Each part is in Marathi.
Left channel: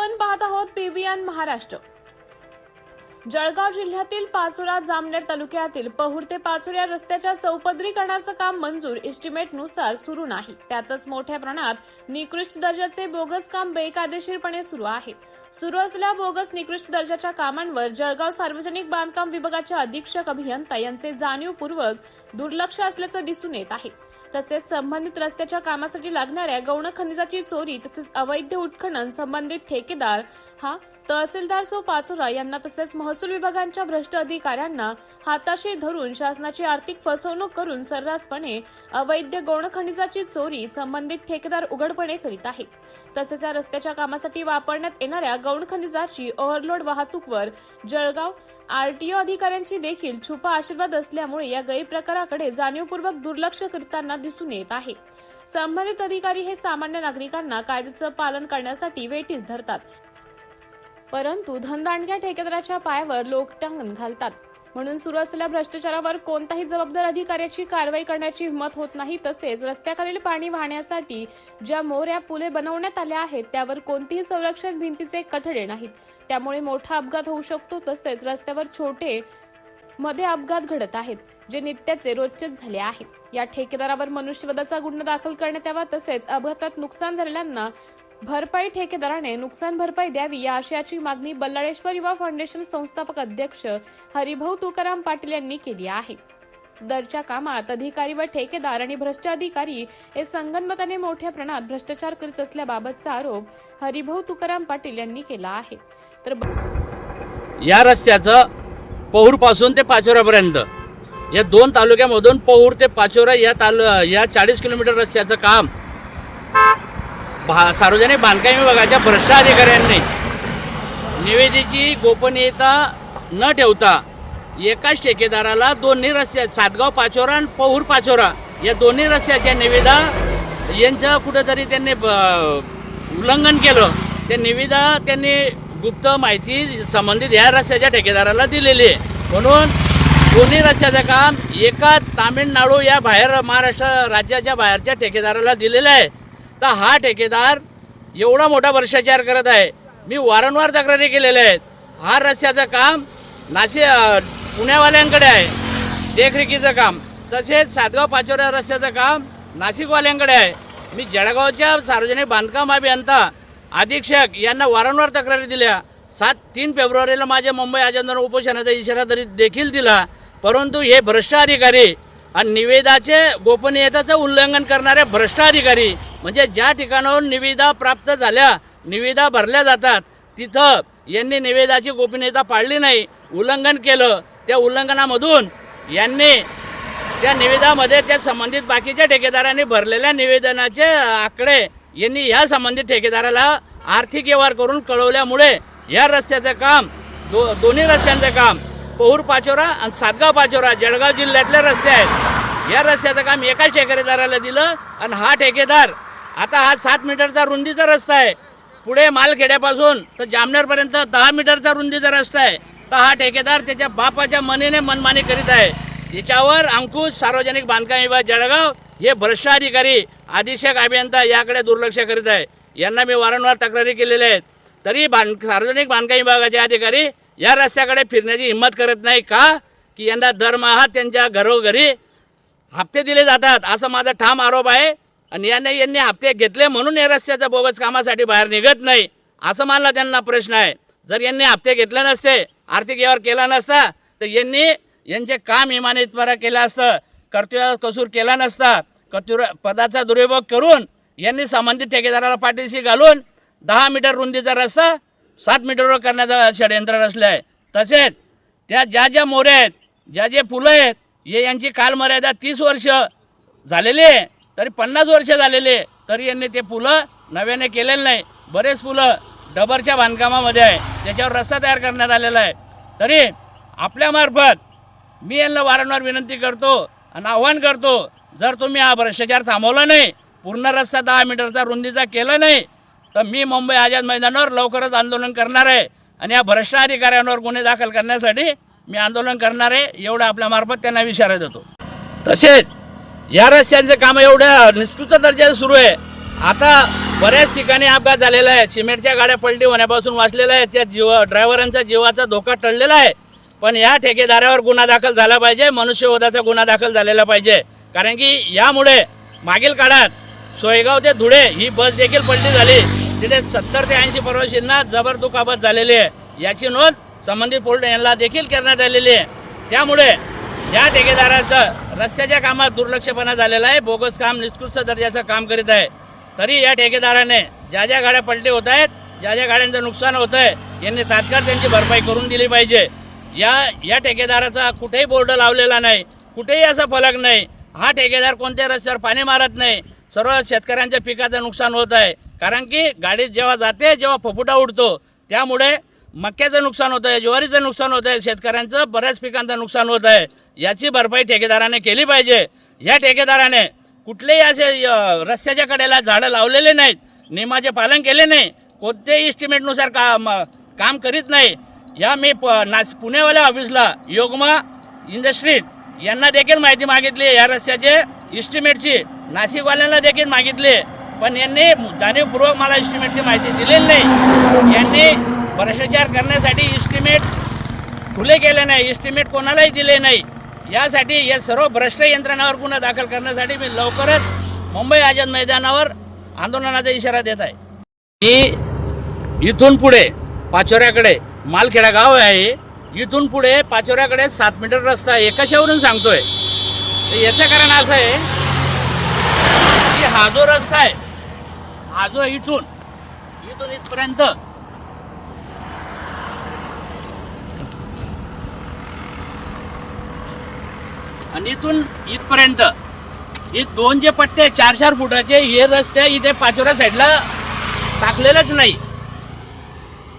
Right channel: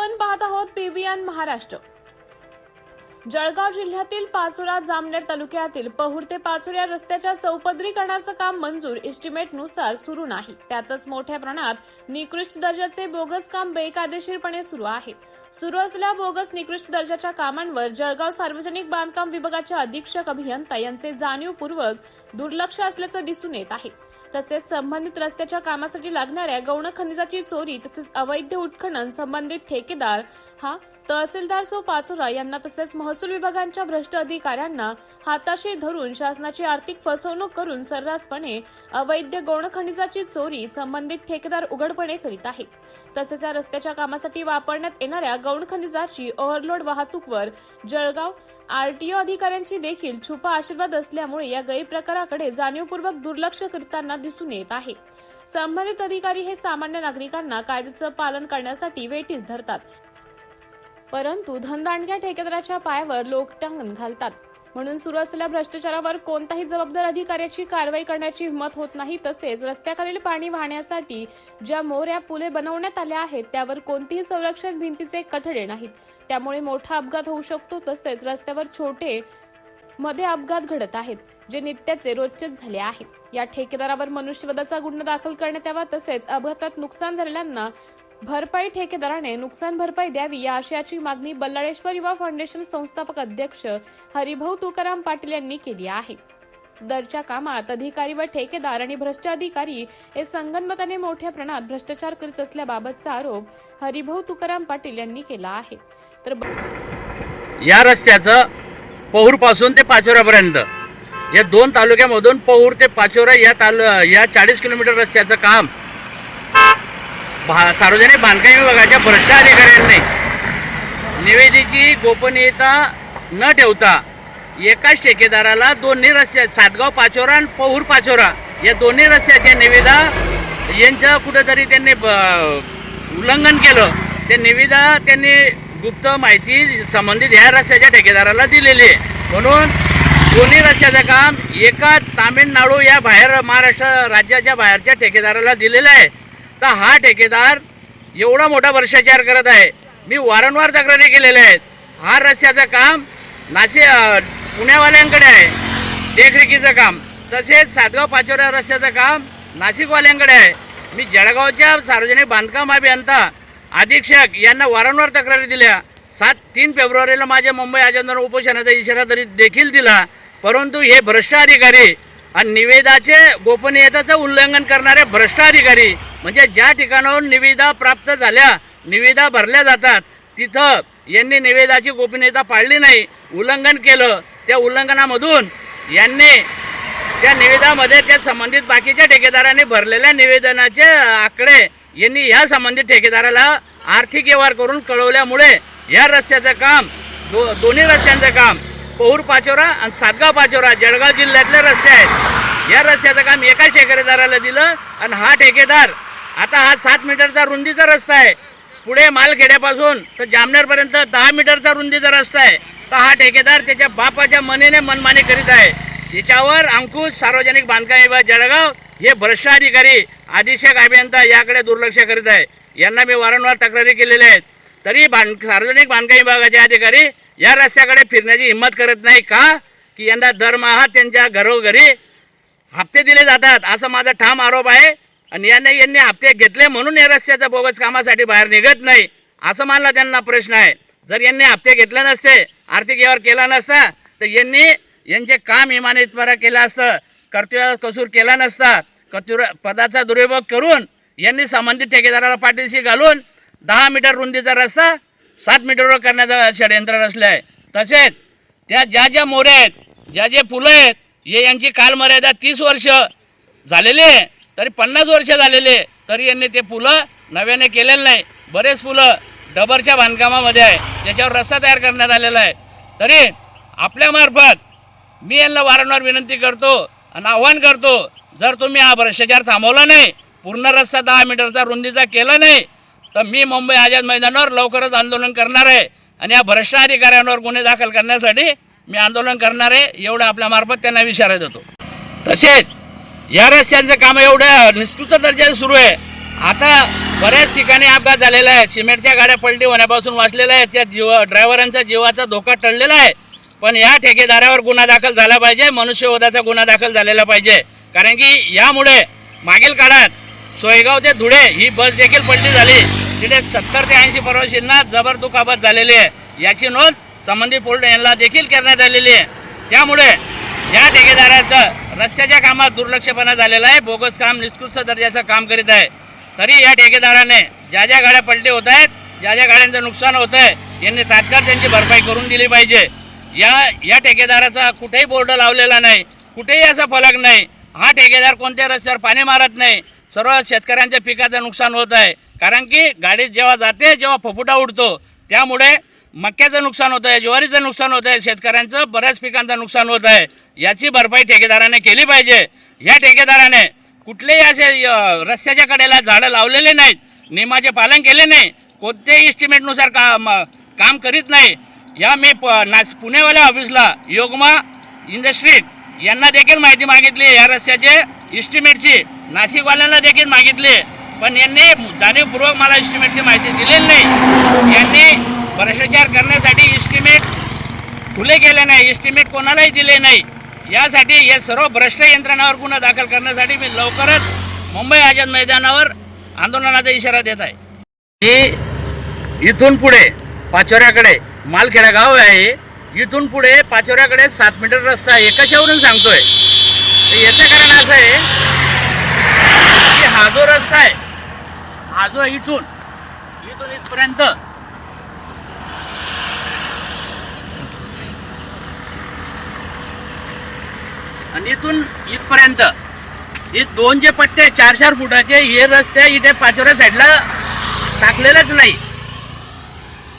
आपण पाहत आहोत पीबीएन महाराष्ट्र। जळगाव जिल्ह्यातील पाचोरा जामनेर तालुक्यातील पहुर ते पाचोरा रस्त्याच्या चौपदरीकरणाचं काम मंजूर एस्टिमेटनुसार सुरू नाही। त्यातच मोठ्या प्रमाणात निकृष्ट दर्जाचे बोगस काम बेकायदेशीरपणे सुरू आहे। सुरू असलेल्या बोगस निकृष्ट दर्जाच्या कामांवर जळगाव सार्वजनिक बांधकाम विभागाचे अधीक्षक अभियंता यांचे जाणीवपूर्वक दुर्लक्ष असल्याचं दिसून येत आहे। तसेच संबंधित रस्त्याच्या कामासाठी लागणाऱ्या गौण खनिजाची चोरी तसेच अवैध उत्खनन संबंधित ठेकेदार हा तहसीलदार सो पाचोरा यांना तसेच महसूल विभागांच्या भ्रष्ट अधिकाऱ्यांना हाताशी धरून शासनाची आर्थिक फसवणूक करून सर्रासपणे अवैध गौण खनिजाची चोरी संबंधित ठेकेदार उघडपणे करीत आहे। तसेच या रस्त्याच्या कामासाठी वापरण्यात येणाऱ्या गौण खनिजाची ओव्हरलोड वाहतूकवर जळगाव आरटीओ अधिकाऱ्यांची देखील छुपा आशीर्वाद असल्यामुळे या गैरप्रकाराकडे जाणीवपूर्वक दुर्लक्ष करताना दिसून येत आहे। संबंधित अधिकारी हे सामान्य नागरिकांना कायद्याचं पालन करण्यासाठी वेठीस धरतात, परंतु धनदांडग्या ठेकेदाराच्या पायावर लोकटांगण घालतात। म्हणून सुरू असलेल्या भ्रष्टाचारावर कोणताही जबाबदार अधिकाऱ्याची कारवाई करण्याची हिंमत होत नाही। तसेच रस्त्याखालील पाणी वाहण्यासाठी ज्या मोऱ्या पुले बनवण्यात आल्या आहेत त्यावर कोणतीही संरक्षण भिंतीचे कठडे नाहीत, त्यामुळे मोठा अपघात होऊ शकतो। तसेच रस्त्यावर छोटे मध्ये अपघात घडत आहेत, जे नित्याचे रोजचेच झाले आहे। या ठेकेदारावर मनुष्यवधाचा गुन्हा दाखल करण्यात यावा। तसेच अपघातात नुकसान झालेल्यांना भरपाई ठेकेदाराने नुकसान भरपाई द्यावी या आशयाची मागणी बल्लाळेश्वर युवा फाउंडेशन संस्थापक अध्यक्ष हरिभाऊ तुकाराम पाटील यांनी केली आहे। सदरच्या कामात अधिकारी व ठेकेदार आणि भ्रष्ट अधिकारी हे संगनमताने मोठ्या प्रमाणात भ्रष्टाचार करीत असल्याबाबतचा आरोप हरिभाऊ तुकाराम पाटील यांनी केला आहे। तर या रस्त्याचं पहुर पासून ते पाचोऱ्यापर्यंत या दोन तालुक्यामधून पहुर ते पाचोरा या 40 किलोमीटर रस्त्याचं काम सार्वजनिक बांधकाम विभागाच्या भ्रष्ट अधिकाऱ्यांनी निविदेची गोपनीयता न ठेवता एकाच ठेकेदाराला दोन्ही रस्ते सातगाव पाचोरा आणि पहुर पाचोरा या दोन्ही रस्त्याच्या निविदा यांचं कुठेतरी त्यांनी उल्लंघन केलं। त्या निविदा त्यांनी गुप्त माहिती संबंधित या रस्त्याच्या ठेकेदाराला दिलेली आहे। म्हणून दोन्ही रस्त्याचं काम एका तामिळनाडू या बाहेर महाराष्ट्र राज्याच्या बाहेरच्या ठेकेदाराला दिलेलं आहे। तर हा ठेकेदार एवढा मोठा भ्रष्टाचार करत आहे। मी वारंवार तक्रारी केलेल्या आहेत। हा रस्त्याचं काम पुण्यावाल्यांकडे आहे देखरेखीचं काम, तसेच सातगाव पाचोरा रस्त्याचं काम नाशिकवाल्यांकडे आहे। मी जळगावच्या सार्वजनिक बांधकाम अभियंता अधीक्षक यांना वारंवार तक्रारी दिल्या। 3 फेब्रुवारीला माझ्या मुंबई आंदोलन उपोषणाचा इशारा देखील दिला, परंतु हे भ्रष्ट अधिकारी आणि निविदाचे गोपनीयतेचं उल्लंघन करणारे भ्रष्ट अधिकारी म्हणजे ज्या ठिकाणाहून निविदा प्राप्त झाल्या निविदा भरल्या जातात तिथं यांनी निविदाची गोपनीयता पाळली नाही, उल्लंघन केलं। त्या उल्लंघनामधून यांनी त्या निविदामध्ये त्या संबंधित बाकीच्या ठेकेदारांनी भरलेल्या निवेदनाचे आकडे यांनी या संबंधित ठेकेदाराला आर्थिक व्यवहार करून कळवल्यामुळे या रस्त्याचं काम दोन्ही रस्त्यांचं काम पहुर पाचोरा आणि सातगाव पाचोरा जळगाव जिल्ह्यातले रस्ते आहेत, या रस्त्याचं काम एकाच ठेकेदाराला दिलं। आणि हा ठेकेदार आता हा 7 मीटरचा रुंदीचा रस्ता आहे, पुढे मालखेड्यापासून तर जामनेरपर्यंत 10 मीटरचा रुंदीचा रस्ता आहे। तर हा ठेकेदार त्याच्या बापाच्या मनेने मनमानी करीत आहे। याच्यावर अंकुश सार्वजनिक बांधकाम विभाग जळगाव हे भ्रष्ट अधिकारी अधीक्षक अभियंता याकडे दुर्लक्ष करीत आहे। यांना मी वारंवार तक्रारी केलेल्या आहेत, तरी सार्वजनिक बांधकाम विभागाचे अधिकारी या रस्त्याकडे फिरण्याची हिंमत करत नाही का की यंदा दरमहा त्यांच्या घरोघरी हप्ते दिले जातात असा माझा ठाम आरोप आहे। आणि यांनी हप्ते घेतले म्हणून या रस्त्याच्या बोगस कामासाठी बाहेर निघत नाही असं मला त्यांना प्रश्न आहे। जर यांनी हप्ते घेतले नसते, आर्थिक व्यवहार केला नसता तर यांचे काम इमानीतपणे केलं असतं, कर्तव्य कसूर केला नसता। पदाचा दुरुपयोग करून यांनी संबंधित ठेकेदाराला पाठीशी घालून 10 मीटर रुंदीचा रस्ता 7 मीटरवर करण्याचं षडयंत्र रचलं आहे। तसेच त्या ज्या मोऱ्या आहेत, जे फुलं आहेत, हे यांची कालमर्यादा 30 वर्ष झालेली आहे, तरी 50 वर्ष झालेले तरी यांनी ते फुलं नव्याने केलेलं नाही। बरेच फुलं डबरच्या बांधकामामध्ये आहे, त्याच्यावर रस्ता तयार करण्यात आलेला आहे। तरी आपल्यामार्फत मी यांना वारंवार विनंती करतो आणि आव्हान करतो, जर तुम्ही हा भ्रष्टाचार थांबवला नाही, पूर्ण रस्ता 10 मीटरचा रुंदीचा केला नाही तर मी मुंबई आझाद मैदानावर लवकरच आंदोलन करणार आहे आणि या भ्रष्ट अधिकाऱ्यांवर गुन्हे दाखल करण्यासाठी मी आंदोलन करणार आहे, एवढं आपल्यामार्फत त्यांना इशारा देतो। तसेच या रस्त्यांचं काम एवढ्या निकृष्ट दर्जाचं सुरू आहे। आता बऱ्याच ठिकाणी अपघात झालेला आहे. सिमेंटच्या गाड्या पलटी होण्यापासून वाचलेल्या आहेत. त्या ड्रायव्हरांचा जीवाचा धोका टळलेला आहे. पण या ठेकेदारावर गुन्हा दाखल झाला पाहिजे, मनुष्यवधाचा गुन्हा दाखल झालेला पाहिजे. कारण की यामुळे मागील काळात सोयगाव ते धुळे ही बस देखील पलटी झाली. तिथे 70 ते 80 प्रवाशांना जबर दुखापत झालेली आहे. याची नोंद संबंधित पोलीस यांना देखील करण्यात आलेली आहे. त्यामुळे या ठेकेदाराचं रस्त्याच्या कामात दुर्लक्षपणा झालेला आहे. बोगस काम, निकृष्ट दर्जाचं काम करीत आहे. तरी या ठेकेदाराने ज्या ज्या गाड्या पलटी होत आहेत, ज्या ज्या गाड्यांचं नुकसान होत आहे, यांनी तात्काळ त्यांची भरपाई करून दिली पाहिजे. या ठेकेदाराचा कुठेही बोर्ड लावलेला नाही, कुठेही असा फलक नाही. हा ठेकेदार कोणत्या रस्त्यावर पाणी मारत नाही. सर्व शेतकऱ्यांच्या पिकाचं नुकसान होत आहे. कारण की गाडी जेव्हा जाते, जेव्हा फुफुटा उडतो, त्यामुळे मक्याचं नुकसान होतं आहे, ज्वारीचं नुकसान होतं आहे, शेतकऱ्यांचं बऱ्याच पिकांचं नुकसान होत आहे. याची भरपाई ठेकेदाराने केली पाहिजे. या ठेकेदाराने कुठलेही असे रस्त्याच्या कडेला झाडं लावलेले नाहीत, नियमाचे पालन केले नाही, कोणत्याही इस्टिमेटनुसार काम करीत नाही. या मी पुणेवाल्या ऑफिसला योगमा इंडस्ट्रीज यांना देखील माहिती मागितली या रस्त्याचे इस्टिमेटची, नाशिकवाल्यांना देखील मागितली, पण यांनी जाणीवपूर्वक मला इस्टिमेटची माहिती दिलेली नाही. यांनी भ्रष्टाचार करण्यासाठी इस्टिमेट खुले केले नाही, इस्टिमेट कोणालाही दिले नाही. यासाठी या सर्व भ्रष्ट यंत्रणावर गुन्हा दाखल करण्यासाठी मी लवकरच मुंबई आझाद मैदानावर आंदोलनाचा इशारा देत आहे. ही इथून पुढे पाचोऱ्याकडे मालखेडा गाव आहे, इथून पुढे पाचोऱ्याकडे 7 मीटर रस्ता आहे. कशावरून सांगतोय तर याचं कारण असं आहे की हा जो रस्ता आहे, हा जो इथून इथपर्यंत आणि इथून इथपर्यंत हे 2 जे पट्टे 4-4 फुटाचे हे रस्ते इथे पाचोऱ्या साईडला टाकलेलंच नाही,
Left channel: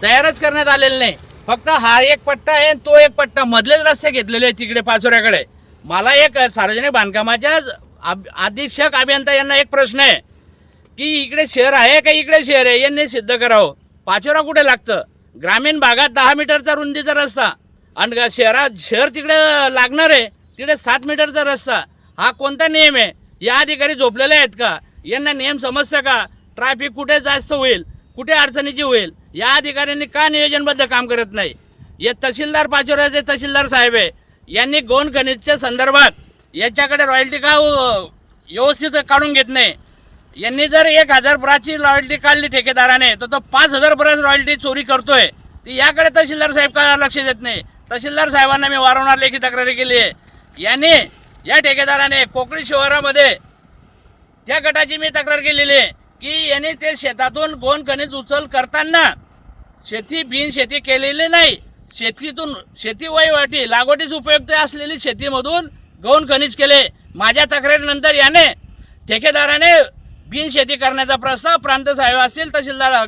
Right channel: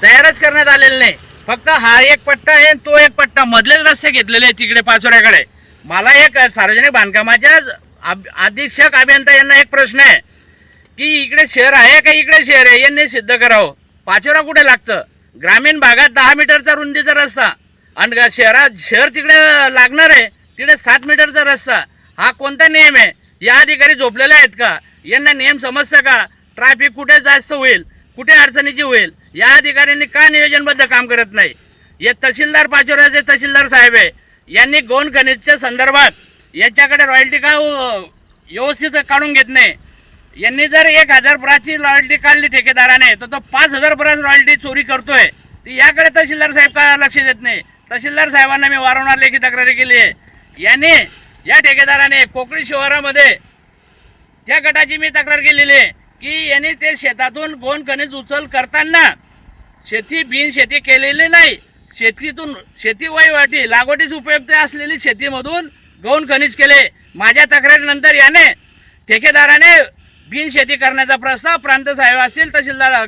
तयारच करण्यात आलेलं नाही. फक्त हा एक पट्टा आहे, तो एक पट्टा, मधलेच रस्ते घेतलेले आहेत तिकडे पाचोऱ्याकडे. मला एक सार्वजनिक बांधकामाच्या अधीक्षक अभियंता यांना एक प्रश्न आहे की इकडे शहर आहे का इकडे शहर आहे, यांनी सिद्ध करावं. पाचोरा कुठे लागतं? ग्रामीण भागात 10 मीटरचा रुंदीचा रस्ता आणि शहर तिकडे लागणार आहे, तिकडे 7 मीटरचा रस्ता. हा कोणता नियम आहे? या अधिकारी झोपलेले आहेत का? यांना नियम समजतं का? ट्रॅफिक कुठे जास्त होईल, कुठे अडचणीची होईल, या अधिकाऱ्यांनी का नियोजनबद्ध काम करत नाही? हे तहसीलदार पाचोऱ्याचे तहसीलदार साहेब आहे, यांनी गौण खनिजच्या संदर्भात याच्याकडे रॉयल्टी का व्यवस्थित काढून घेत नाही. यांनी जर 1000 ब्राची रॉयल्टी काढली ठेकेदाराने, तर तो 5000 ब्राच रॉयल्टी चोरी करतोय. याकडे तहसीलदार साहेब का लक्ष देत नाही? तहसीलदार साहेबांना मी वारंवार लेखी तक्रारी केली आहे. यांनी या ठेकेदाराने कोकणी शहरामध्ये त्या गटाची मी तक्रार केलेली आहे की यांनी ते शेतातून गौण खनिज उचल करताना बिनशेती केलेली नाही. शेतीतून शेती वहिवाटी लागवडीस उपयुक्त असलेली शेतीमधून गौण खनिज केले. माझ्या तक्रारीनंतर याने ठेकेदाराने बिनशेती करण्याचा प्रस्ताव प्रांत साहेब असतील, तहसीलदार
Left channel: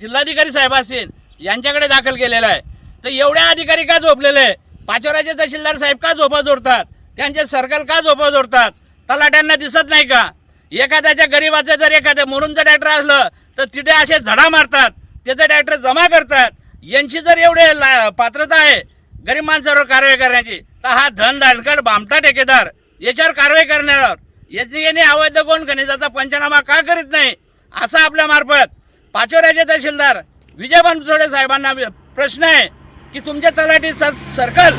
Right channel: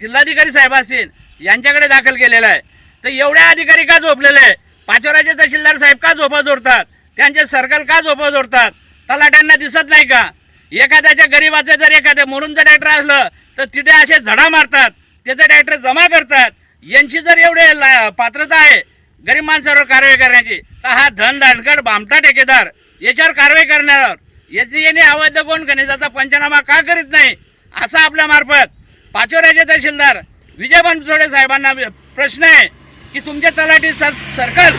जिल्हाधिकारी साहेब असतील यांच्याकडे दाखल केलेला आहे. तर एवढ्या अधिकारी का झोपलेले? पाचोऱ्याचे तहसीलदार साहेब का झोपा जोडतात? त्यांचे सर्कल का झोपा जोडतात? तलाट्यांना दिसत नाही का? एखाद्याच्या गरीबाचं जर एखाद्या मुरुमचं ट्रॅक्टर असलं तर तिथे असे झडा मारतात, त्याचं ट्रॅक्टर जमा करतात. यांची जर एवढे पात्रता आहे गरीब माणसावर कारवाई करण्याची, तर हा धनदांडकड भामटा ठेकेदार याच्यावर कारवाई करण्यावर यांनी अवैध गौण खनिजाचा पंचनामा का करीत नाही, असा आपल्या मार्फत पाचोऱ्याचे तहसीलदार विजय बनसोडे साहेबांना प्रश्न आहे की तुमचे तलाठी सर्कल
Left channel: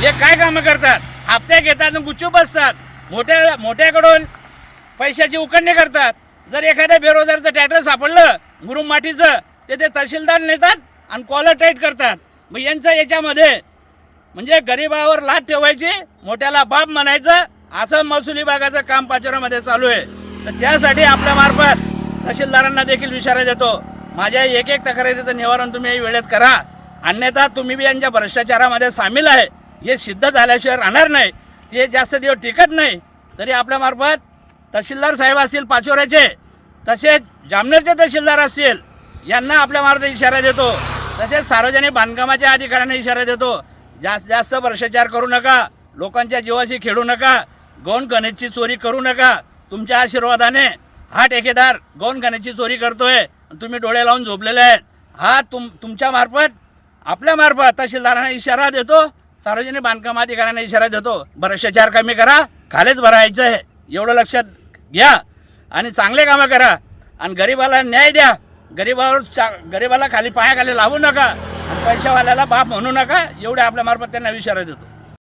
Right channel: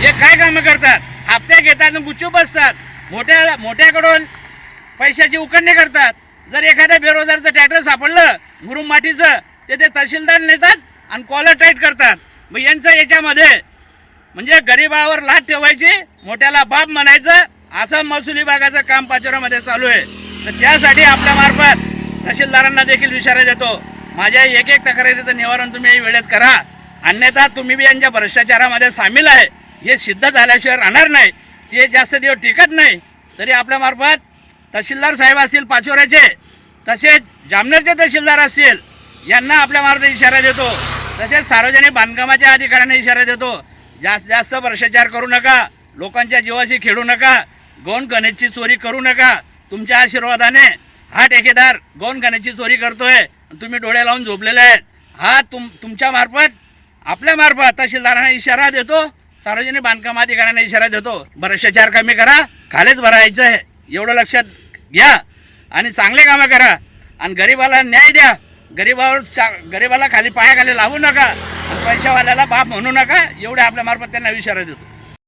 हे काय कामं करतात? हप्ते घेतात आणि गुच्चूप असतात, मोठ्याकडून पैशाची उकळणी करतात. जर एखाद्या बेरोजगारचं ट्रॅक्टर सापडलं मुरुम मातीचं, ते तहसीलदार नेतात आणि कॉलर टाईट करतात. मग यांचं याच्यामध्ये म्हणजे गरिबावर लाट ठेवायची, मोठ्याला बाप म्हणायचं, असं महसूल विभागाचं काम पाचोऱ्यामध्ये चालू आहे. तर त्यासाठी आपल्या मार्फत तहसीलदारांना देखील इशारा देतो, माझ्या एक तक्रारीचं निवारण तुम्ही वेळेत करा, अन्यथा तुम्ही बी यांच्या भ्रष्टाचारामध्ये सामील आहे हे सिद्ध झाल्याशिवाय राहणार नाही. ते जास्त दिवस टिकत नाही. तरी आपल्या मार्फत तहसीलदार साहेब असतील पाचोऱ्याचे, तसेच जामनेरचे तहसीलदार असतील यांना आपल्या मार्फत इशारा देतो. तसेच सार्वजनिक बांधकामाच्या अधिकाऱ्यांना इशारा देतो, जास्त भ्रष्टाचार करू नका, लोकांच्या जीवाशी खेळू नका, गौण खनिजची चोरी करू नका. तुमच्या आशीर्वादाने हा ठेकेदार गौण खनिजची चोरी करतोय, तुम्ही डोळे लावून झोपलेले आहेत. हा तुमच्या मार्फत आपल्या मार्फत तहसीलदारांना इशारा देतो, सार्वजनिक बांधकाम अधिकाऱ्यांना इशारा देतो, भ्रष्टाचार कमी करा, खालीच भरायचं आहे एवढं लक्षात घ्या आणि चांगले कामं करा. आणि गरिबाला न्याय द्या. गरिबाला खाली पायाखाली लावू नका आणि पैशावाल्याला बाप म्हणू नका. एवढे आपल्या मार्फत त्यांना इशारा देतो.